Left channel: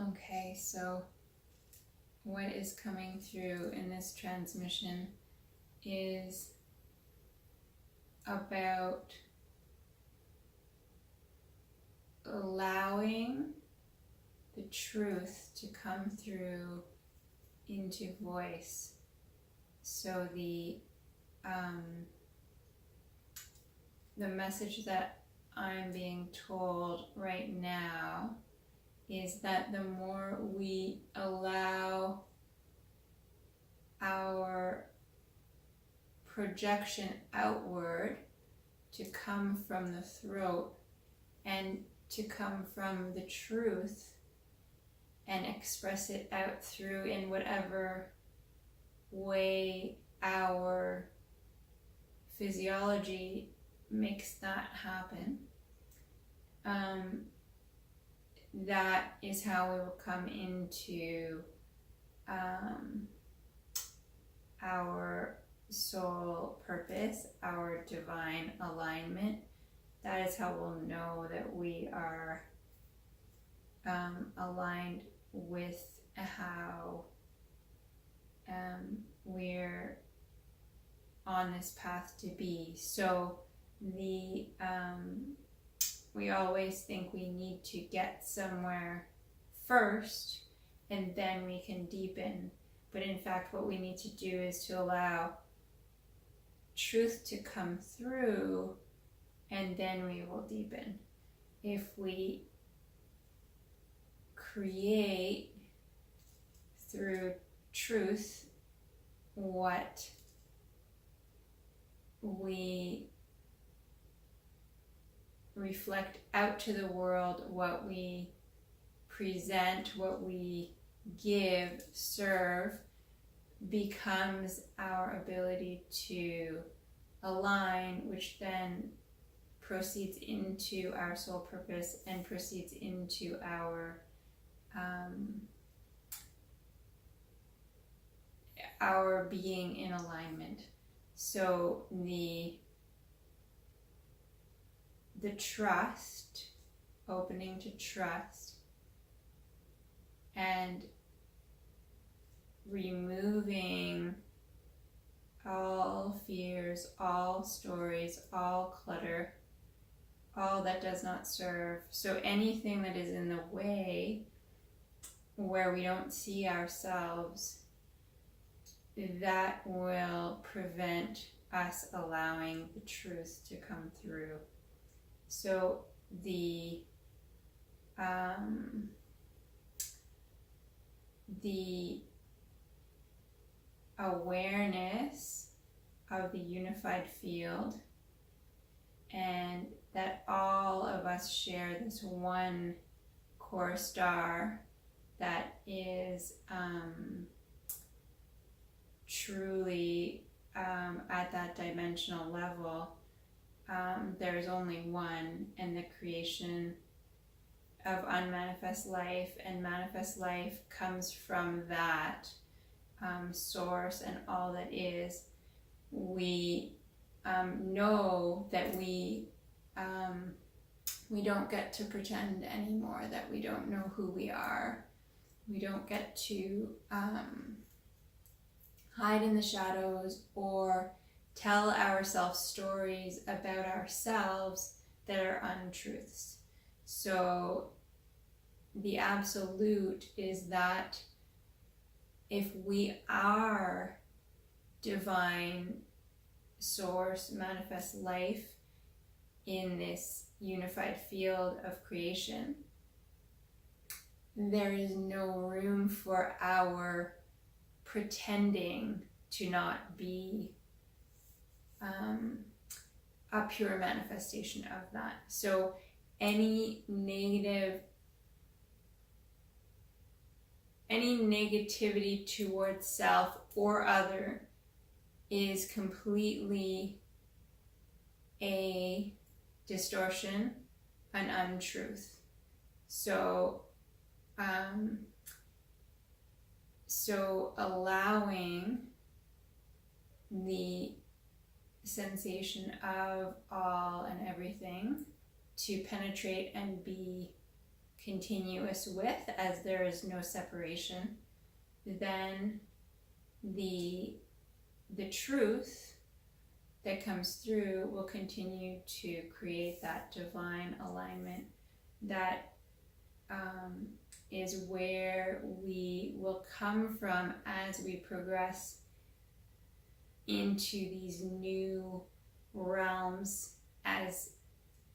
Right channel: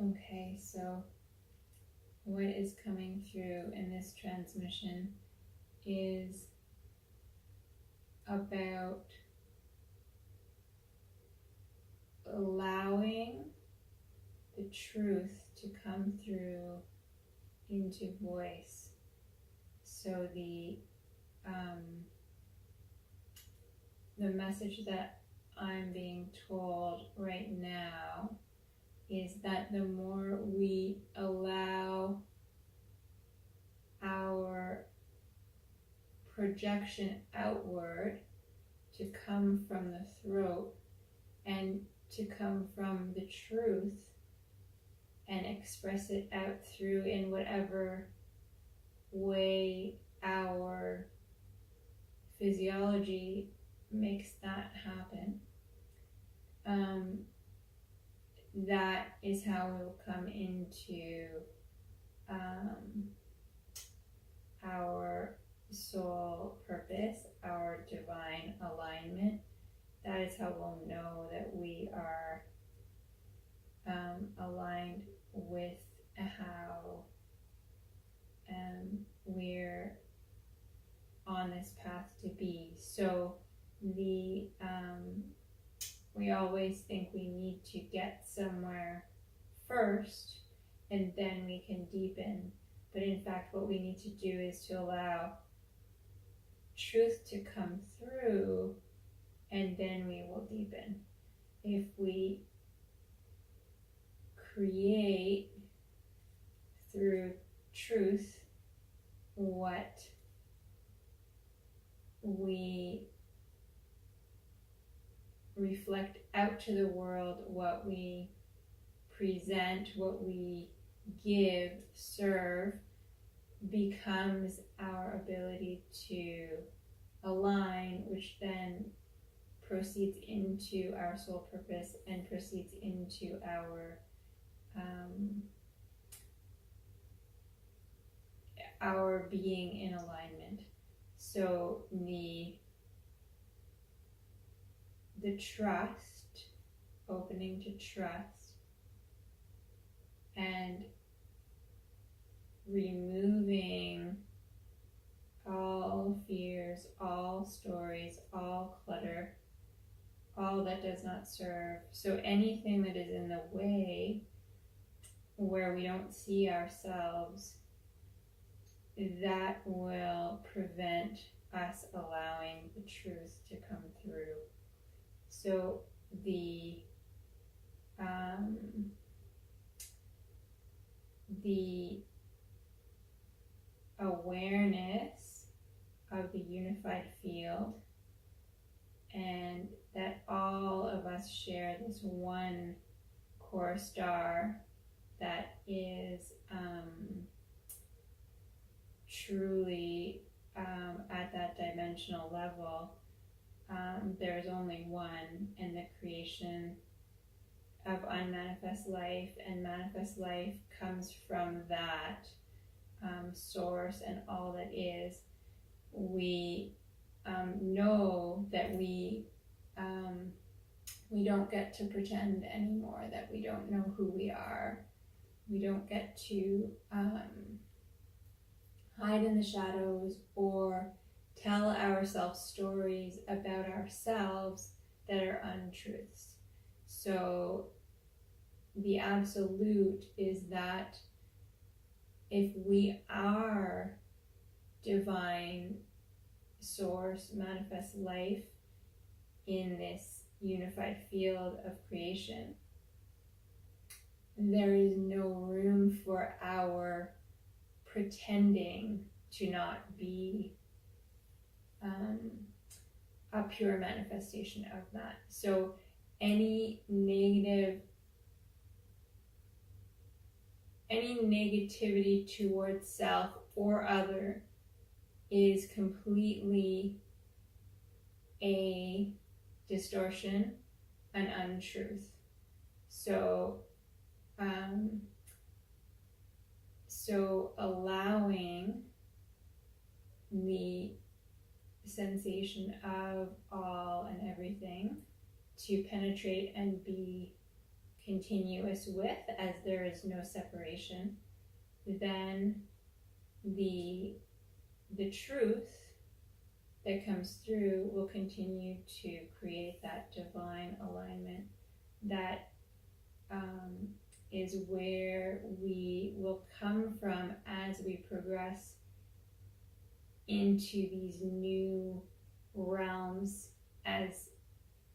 Okay, so what is coming through in this transmission is about allowing the truth to come through into voice. So the message that I'm being told right now is that the more we allow our projection outward to come from the throat and to come from the truth and express it out through in whatever way our physiology makes that happen, that is how we will come into our soul purpose, our divine alignment. That is how we'll know that we are aligned with how we're on this path to be. So we always think we need to get somewhere first and then we can deepen. But in fact, what we need to do is to allow truth to come through and then we will deepen. If we create through truth what we reflect out to the world, what we present, what we give, serve, becomes our ability to align, which then proceeds into our soul purpose and proceeds into our being in alignment. So the trust, opening to trust, and removing all fears, all stories, all clutter, all that does not serve. So anything that is in the way where we don't see ourselves, that will prevent us allowing the truth to come through. So the awareness of the unified field, and that all of us share this one core star that is truly at that dimensional level. There is only one, and the creation of unmanifest life and manifest life comes from that source and all that is. We know that we don't get to pretend anymore, that we don't know who we are. We don't get to hide in the shadows or tell ourselves stories about ourselves that are untruths. So the absolute is that if we are divine source, manifest life in this unified field of creation, there is no room for our pretending to not be a pure manifestation of that. So any negativity towards self or other is completely a distortion, an untruth. So allowing the sensation of all and everything to penetrate and be continuous with, as there is no separation, then the truth that comes through will continue to create that divine alignment. That is where we will come from as we progress into these new realms, as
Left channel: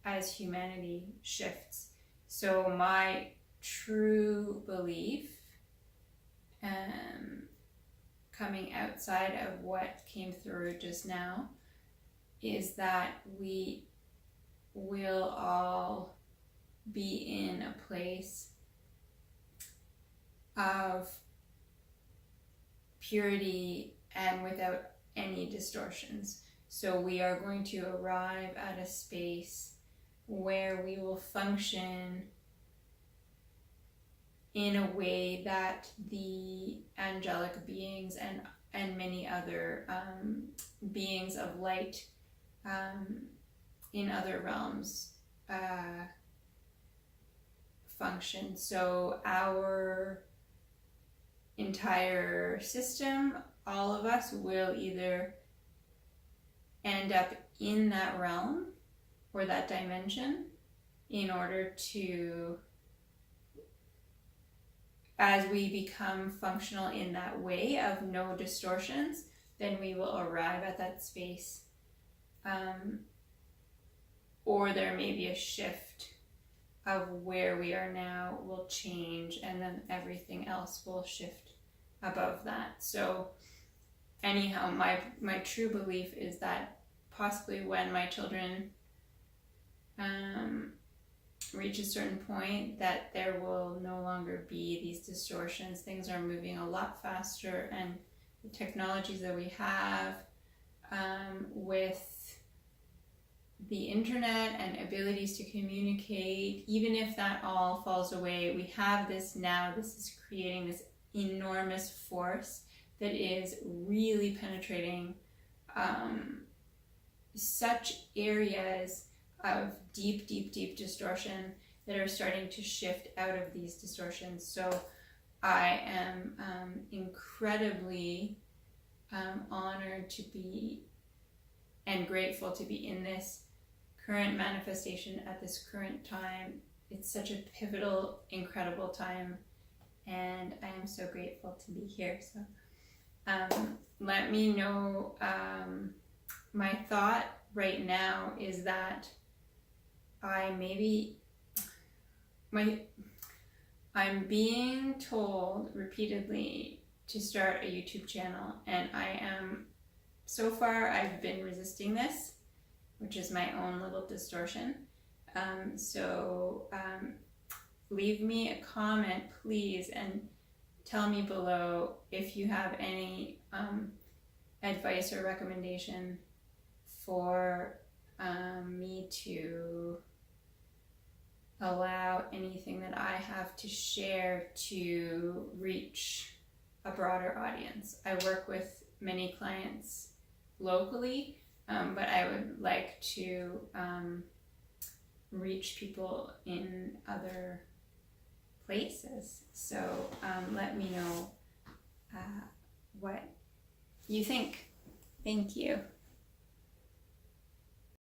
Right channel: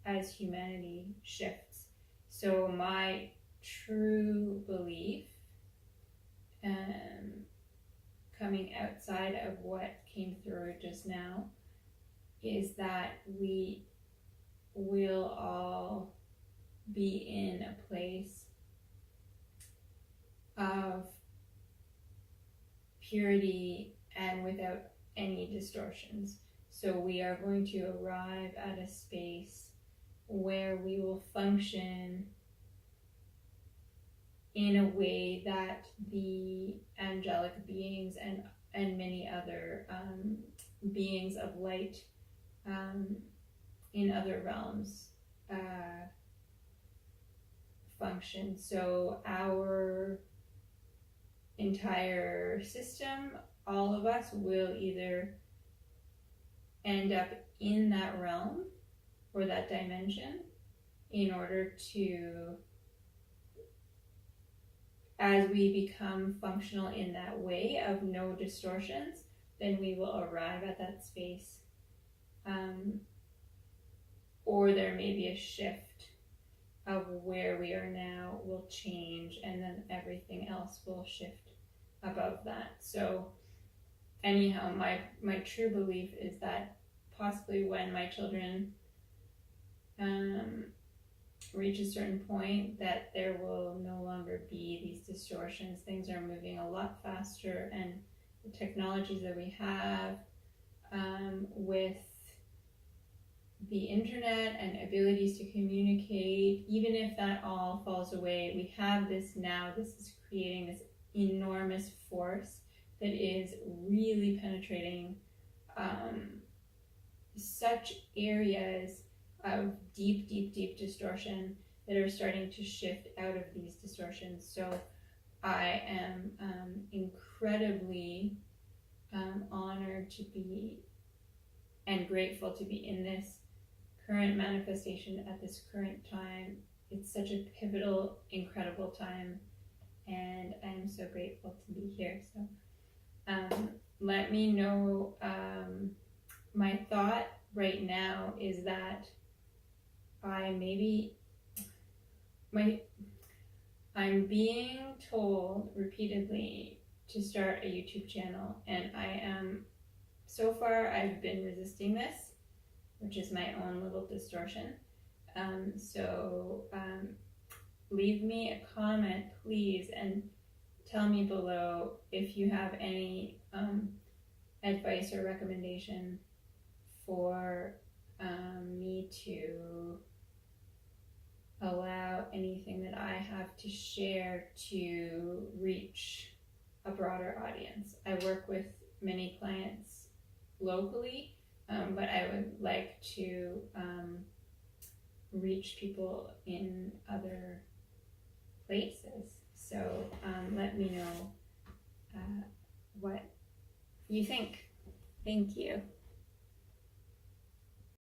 as humanity shifts. So my true belief, coming outside of what came through just now, is that we will all be in a place of purity and without any distortions. So we are going to arrive at a space where we will function in a way that the angelic beings and many other beings of light in other realms function. So our entire system, all of us, will either end up in that realm or that dimension in order to, as we become functional in that way of no distortions, then we will arrive at that space. Or there may be a shift of where we are now will change, and then everything else will shift above that. So anyhow, my true belief is that possibly when my children reach a certain point, that there will no longer be these distortions. Things are moving a lot faster, and the technologies that we have with the internet and abilities to communicate, even if that all falls away, we have this now. This is creating this enormous force that is really penetrating such areas of deep distortion that are starting to shift out of these distortions. So I am incredibly honored to be and grateful to be in this current manifestation at this current time. It's such a pivotal, incredible time, and I am so grateful to be here. So let me know. My thought right now is that I'm being told repeatedly to start a YouTube channel, and so far I've been resisting this, which is my own little distortion. So leave me a comment, please, and tell me below if you have any advice or recommendation for me to allow anything that I have to share to reach a broader audience. I work with many clients locally, but I would like to reach people in other places. So let me know what you think. Thank you.